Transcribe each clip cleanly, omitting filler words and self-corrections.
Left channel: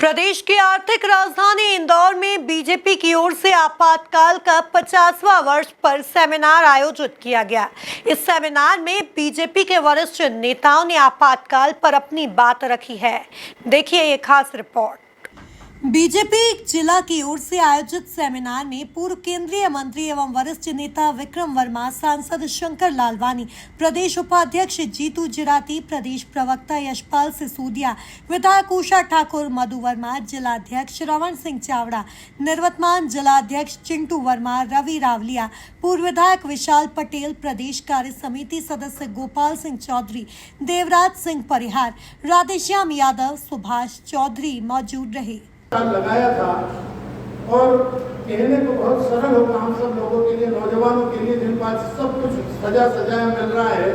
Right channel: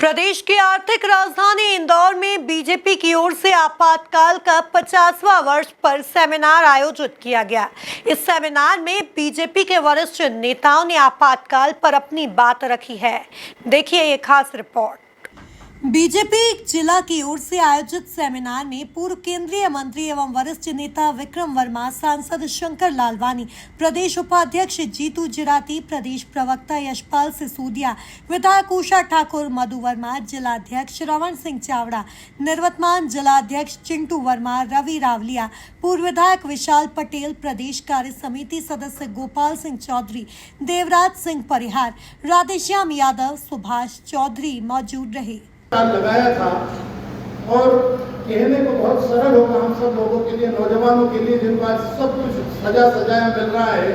प्रदेश की आर्थिक राजधानी इंदौर में बीजेपी की ओर से आपातकाल का 50वां वर्ष पर सेमिनार आयोजित किया गया। इस सेमिनार में बीजेपी के वरिष्ठ नेताओं ने आपातकाल पर अपनी बात रखी है। देखिए ये खास रिपोर्ट। बीजेपी जिला की ओर से आयोजित सेमिनार में पूर्व केंद्रीय मंत्री एवं वरिष्ठ नेता विक्रम वर्मा, सांसद शंकर लालवानी, प्रदेश उपाध्यक्ष जीतू जिराती, प्रदेश प्रवक्ता यशपाल सिसोदिया, विधायक उषा ठाकुर, मधु वर्मा, जिलाध्यक्ष रमन सिंह चावड़ा, निर्वतमान जिलाध्यक्ष चिंटू वर्मा, रवि रावलिया, पूर्व विधायक विशाल पटेल, प्रदेश कार्य समिति सदस्य गोपाल सिंह चौधरी, देवराज सिंह परिहार, राधेश्याम यादव, सुभाष चौधरी मौजूद रहे। लगाया था और कहने को बहुत सरल होगा हम सब लोगों के लिए, नौजवानों के लिए, जिन बात सब कुछ सजाया मिल रहा है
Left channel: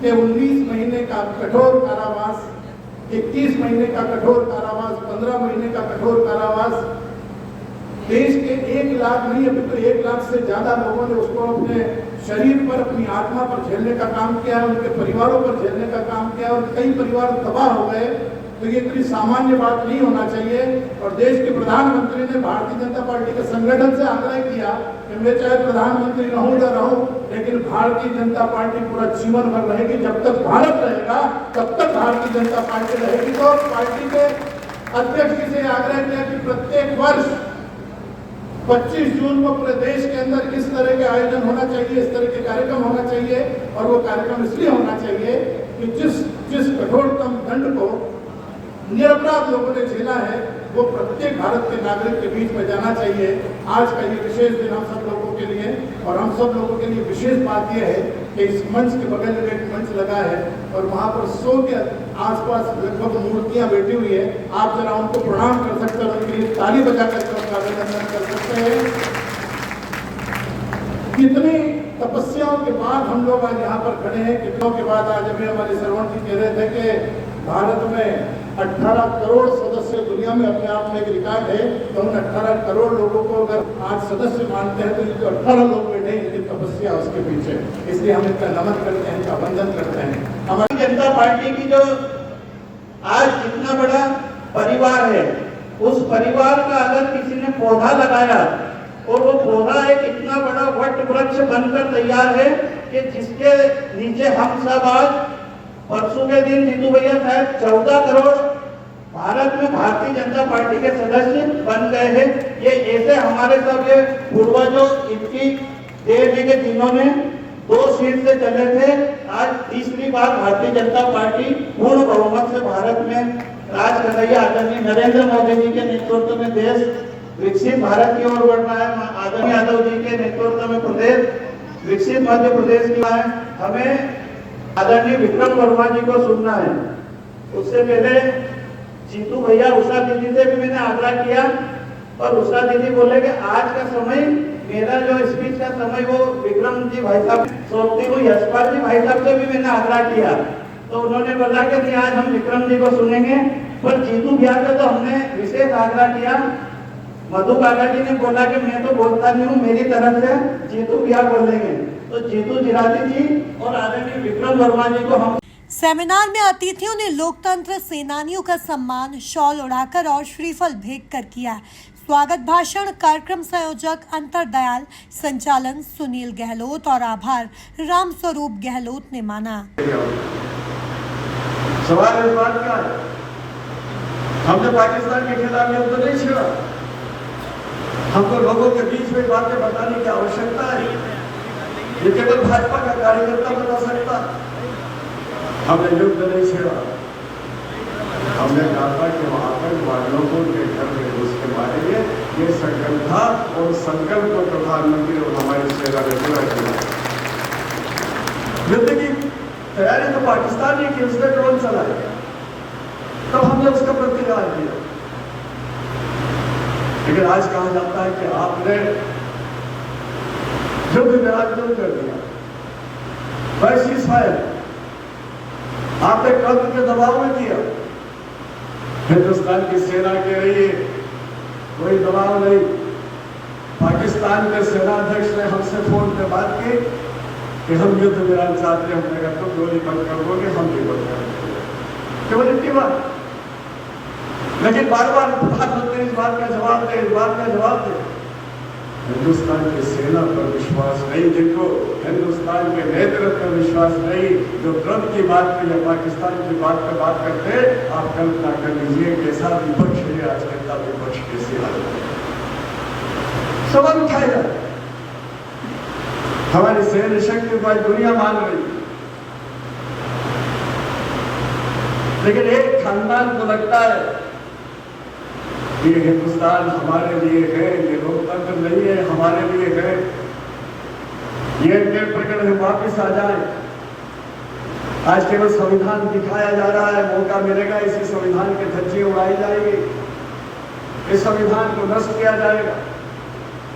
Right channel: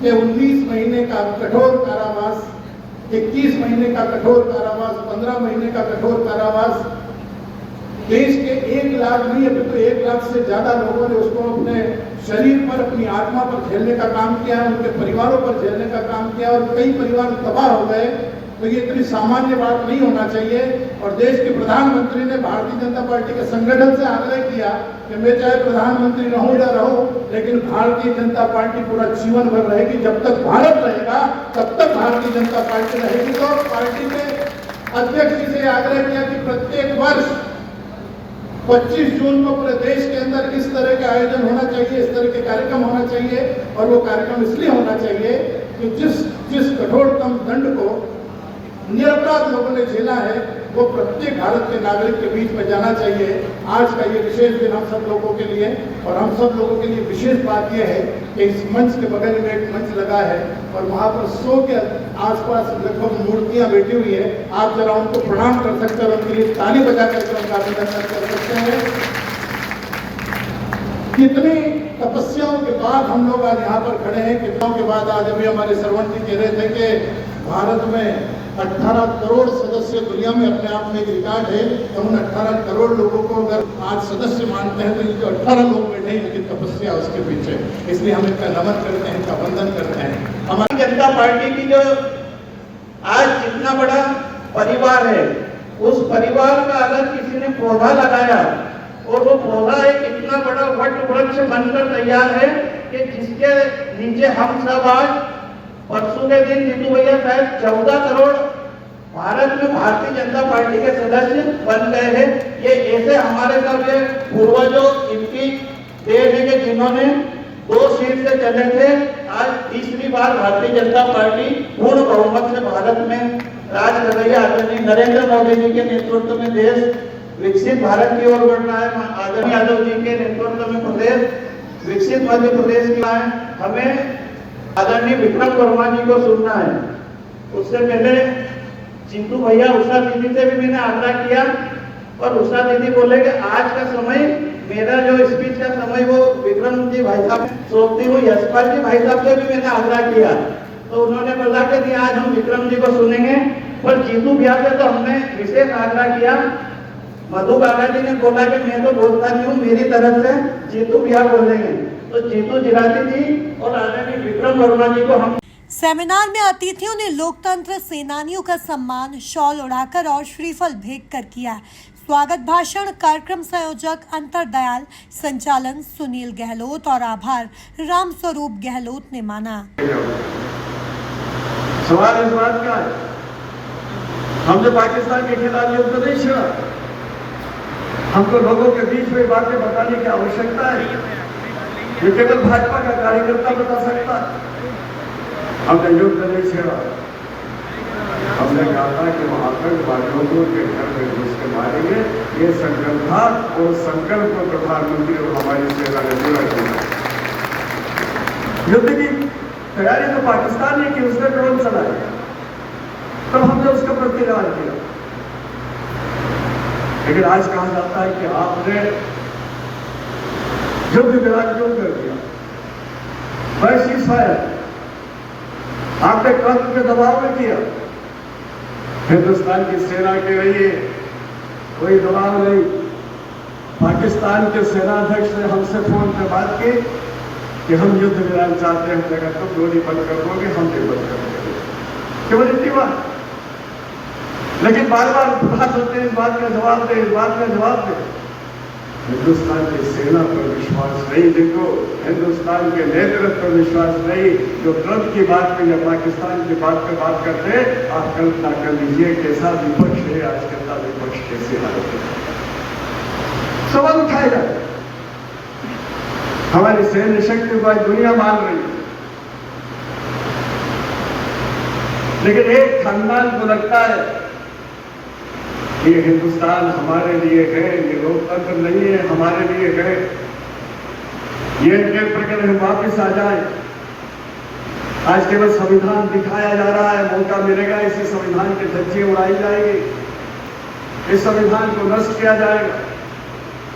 कि 19 महीने का कठोर कारावास, 21 महीने का कठोर कारावास, 15 महीने का कठोर कारावास, देश के 1 लाख नहीं अभी तो 1 लाख से ज्यादा लोगों ने उसको अपने शरीर पर, अपनी आत्मा पर झेलने का काम किया, उनके परिवारों पर झेलने का काम किया और कई परिवार तबाह हो गए। तो ये इतनी सामान्य बात नहीं होना चाहिए। और देश के प्रधानमंत्री ने भारतीय जनता पार्टी के संगठन से आग्रह किया कि मैं चाहे प्रधानमंत्री रहूं या रहूं, लेकिन भारतीय जनता पार्टी पूरा जीवन भर रहेगी। जब तक भारत रहेगा तब तक भारतीय जनता पार्टी रहेगी। तो पार्टी के अध्यक्ष जी से आग्रह किया कि प्रत्येक वर्ष 25 जून को पूरे देश के अंदर इस तरह के आयोजन होना चाहिए, इस तरह के कार्यक्रम होना चाहिए। और वो कार्यक्रम इसलिए होना चाहिए कि जिस कठोरतम दंड को निरपराध लोगों ने झेला है वो प्रत्येक भारत के नागरिक के बीच में जाना चाहिए। आज का ये विशेष दिन हम सब लोगों के लिए, और हम सब लोगों के लिए विशेष बात यह है कि इस मंच के बगल में एक मंच लगा है और वहाँ पर 100 के आसपास लगभग मूर्तियां बैठी हुई है। आप जरा उनको प्रणाम कर सकते हैं और उनके लिए ताली बजा करके उनका अभिनंदन कर सकते हैं। कितनी तपस्याओं के बाद हम लोग आज यहाँ पर खड़े हैं। कितनों के बाद आज अभी हमारे सरवण जी कह रहे थे कि भारत में 18 करोड़ सदस्य दुनिया में अपने आप में एक रिकॉर्ड है। तो उन 18 करोड़ लोगों को अगर आज सदस्य मानते हैं तो 18 लोग बैठे हैं उनकी तपस्या उसके पीछे। इसलिए हम इनका नमन करते हैं, इनका वंदन करते हैं। हमारी जनता पार्टी की जो आज जितना बड़ा परिवार है, उस परिवार का अगर किसी ने पौधा लगाया और वो पौधा एक इतना बड़ा वट वृक्ष बनकर तैयार है कि जिसके नीचे हम सब आज परसों के दिन जीतू भैया शायद 14 करोड़ भारत में भारतीय जनता पार्टी के सदस्य बन गए हैं। ये ऐसे हमारे सब पूर्वजों इनकी देश के जिन्होंने 2 सीट से चले थे, आज तीसरी बार भारतीय जनता पार्टी पूर्ण बहुमत से भारत में राज कर रही है। आदरणीय नरेंद्र मोदी जी के नेतृत्व में देश विकसित भारत की ओर बढ़ रहा है। आदरणीय यादव जी के नेतृत्व में प्रदेश विकसित मध्य प्रदेश की है। हमें आदरणीय विक्रम वर्मा जी को सुनना है। उससे पहले जीतू भैया, उषा दीदी से भी मैंने आग्रह किया और उषा दीदी बोले कि आज का समय, मेरा जो स्पीच का समय वो विक्रम जी भाई साहब सोचती, वो यशपाल जी भाई साहब से भी मैंने आग्रह किया। तो उन्होंने बोला कि आज हम विक्रम जी को सुनेंगे। पर जीतू भैया से तो हमने विशेष आग्रह किया। मधु बाला जी ने बोला कि मैं तो बोलता नहीं हूँ, मेरी तरफ से जीतू भैया बोलेंगे। तो जीतू जिराती जी और आदरणीय विक्रम वर्मा जी को हम। सेमिनार में अतिथियों ने लोकतंत्र सेनानियों का सम्मान शॉल उड़ाकर और श्रीफल भेंट कर किया। स्वागत भाषण कार्यक्रम संयोजक अंतर दयाल, संचालन सुनील गहलोत और आभार राम स्वरूप गहलोत ने माना। सवाल इस बात का, हमने पाकिस्तान के खिलाफ युद्ध नहीं छेड़ा। हमको लोगों के बीच में बातें बताने की आवश्यकता है। ये केवल भाजपा का कार्यकर्ता बता सकता। हमने युद्ध नहीं छेड़ा। हमने कहा कि वहां पर लोगों के घर में घुस के मारेंगे। ये संकल्प था और संकल्प को प्रधानमंत्री और हमारी सेना ने पूरा किया। युद्ध की तैयारी तो पाकिस्तान ने की, उसने ड्रोन चलाए, तो हमने उसका प्रतिकार किया। लेकिन आज कहा जाता है कि आपने युद्ध विराट क्यों कर दिया, आपने कर्म के दबाव में किया। हिंदुस्तान की सेना के लिए कोई दबाव नहीं। पाकिस्तान के सेनाध्यक्ष ने हमसे फोन पर बात की कि हम युद्ध विराम चाहते हैं, हमने कहा तो गोली बंद कर दोगे, हम भी बंद कर देंगे। केवल इतनी बात। लेकिन बार बार बात होते हैं, इस बात का जवाब दे, इस बात का जवाब दे। हिंदुस्तान की सेना पर विश्वास नहीं, जिनको हिंदुस्तान के नेतृत्व पर विश्वास नहीं, जो ट्रंप की बात पे या पाकिस्तान की बात पे बात करते, आप कल्पना कर लीजिए कैसा विपक्ष है आज का विपक्ष कैसे आता है। सबक उठाएगा। हमारी सैन्य शक्ति को दुनिया मान रही है, लेकिन एक खानदान को लगता है ये हिंदुस्तान हमारे लिए है, ये लोकतंत्र नहीं है हमारे लिए है, ये इनके प्रकरण वापिस आ जाए। आज केवल संविधान दिखाया जा रहा है, मौका मिलेगा इसी संविधान के धज्जियां उड़ाई जाएगी, इस संविधान को नष्ट किया जाएगा।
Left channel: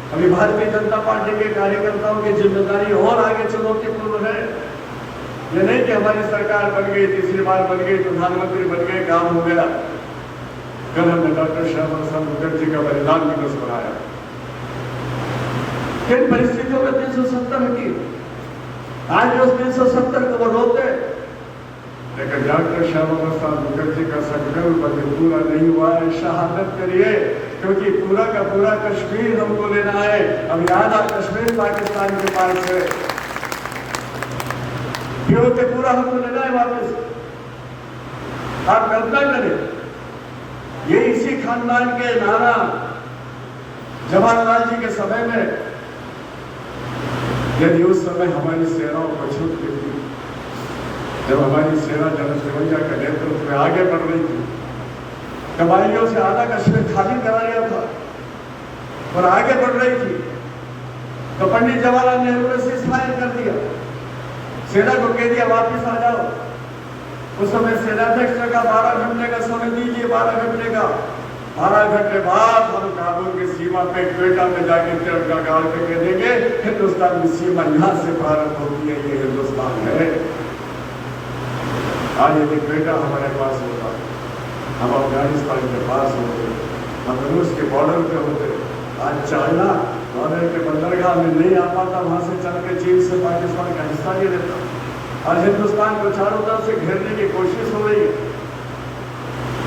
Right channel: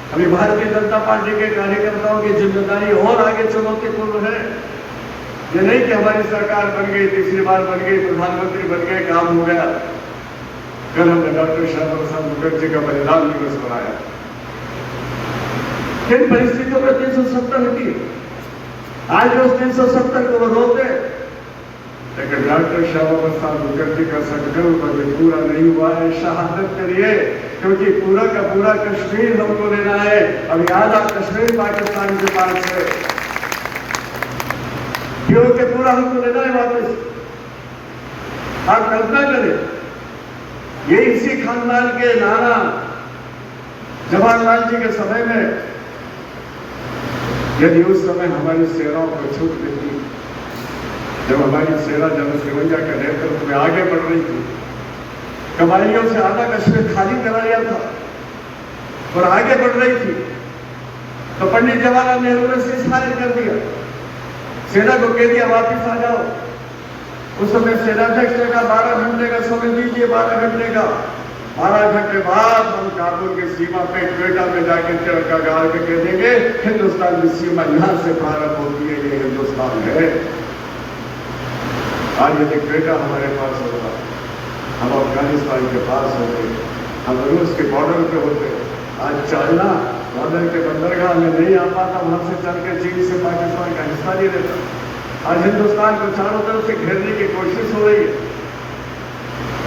अभी भारतीय जनता पार्टी के कार्यकर्ताओं की जिम्मेदारी और आगे चुनौतीपूर्ण है। ये नहीं कि हमारी सरकार बन गई, तीसरी बार बन गई, प्रधानमंत्री बन गए, काम हो गया। कल हमने डॉक्टर श्यामा प्रसाद मुखर्जी का बलिदान दिवस मनाया। किन परिस्थितियों में 370 की आज उस 370 को बदलते, लेकिन डॉक्टर श्यामा प्रसाद मुखर्जी का संकल्प अभी पूरा नहीं हुआ है। शहादत करिए, क्योंकि पूरा का पूरा कश्मीर हमको लेना है। अभी आधा कश्मीर पाकिस्तान के पास है, के पूरा हमको लेना है वापस। आप कल्पना करें, ये इसी खानदान के नाना जवाहरलाल जी के समय में, यदि उस समय हमारी सेनाओं को छूट मिलती, जब हमारी सेना जनरल तिरंगा के नेतृत्व में आगे बढ़ रही थी, कबाइलियों से आधा कश्मीर खाली करा लिया था और आगे बढ़ रही थी, तो पंडित जवाहरलाल नेहरू ने सीज़फायर कर दिया, सेना को कह दिया वापिस आ जाओ। उस समय सेनाध्यक्ष ने कहा 12 घंटे का समय दीजिए, 12 घंटे का। 12 घंटे बाद हम काबुल की सीमा पे क्वेटा में जाके तिरंगा गाड़ के कह देंगे हिंदुस्तान की सीमा यहां से प्रारंभ होती है, ये हिंदुस्तान है। आज यदि क्वेटा हमारे पास होगा, हम अफगानिस्तान के पास होते, हम रूस के बॉर्डर पे होते। आज चाइना बॉर्डर के बंदरगाह में नहीं आ पाता, वहां से चल के चीन से पाकिस्तान का हिस्सा नहीं लेता। आज हिंदुस्तान को चारों तरफ से घेरने की कोशिश हो रही है।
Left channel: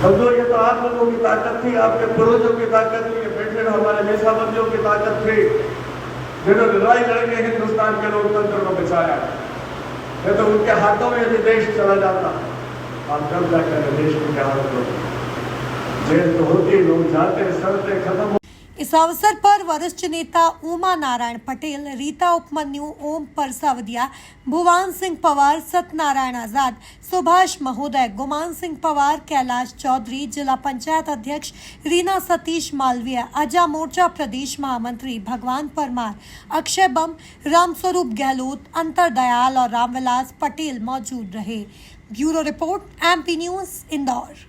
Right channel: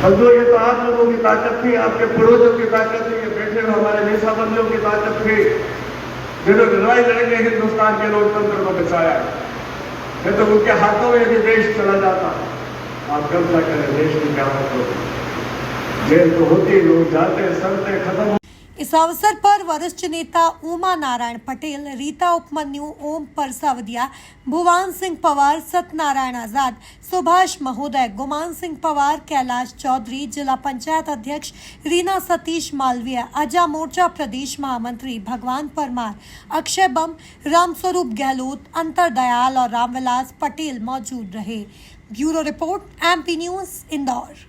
बंधुओं, ये तो आप लोगों की ताकत थी, आपके पूर्वजों की ताकत थी, ये बैठे हुए हमारे नेताबंदियों की ताकत थी, जिन्होंने लड़ाई लड़के हिंदुस्तान के लोकतंत्र को बचाया। ये तो उनके हाथों में यदि देश चला जाता, आप कब्जा करें देश की क्या जेल तो होती, लोग जाते, सड़ते खत्म। इस अवसर पर वरिष्ठ नेता उमा नारायण पटेल, रीता उपमन्यु, ओम परसावदिया, भुवन सिंह पवार, सत्यनारायण आजाद, सुभाष महोदय, गुमान सिंह पवार, कैलाश चौधरी, जिला पंचायत अध्यक्ष रीना सतीश मालवीय, अजा मोर्चा प्रदेश महामंत्री भगवान परमार, अक्षय बम, रामस्वरूप गहलोत, अंतर दयाल और रामविलास पटेल मौजूद रहे। Bureau report, MP news, Indore.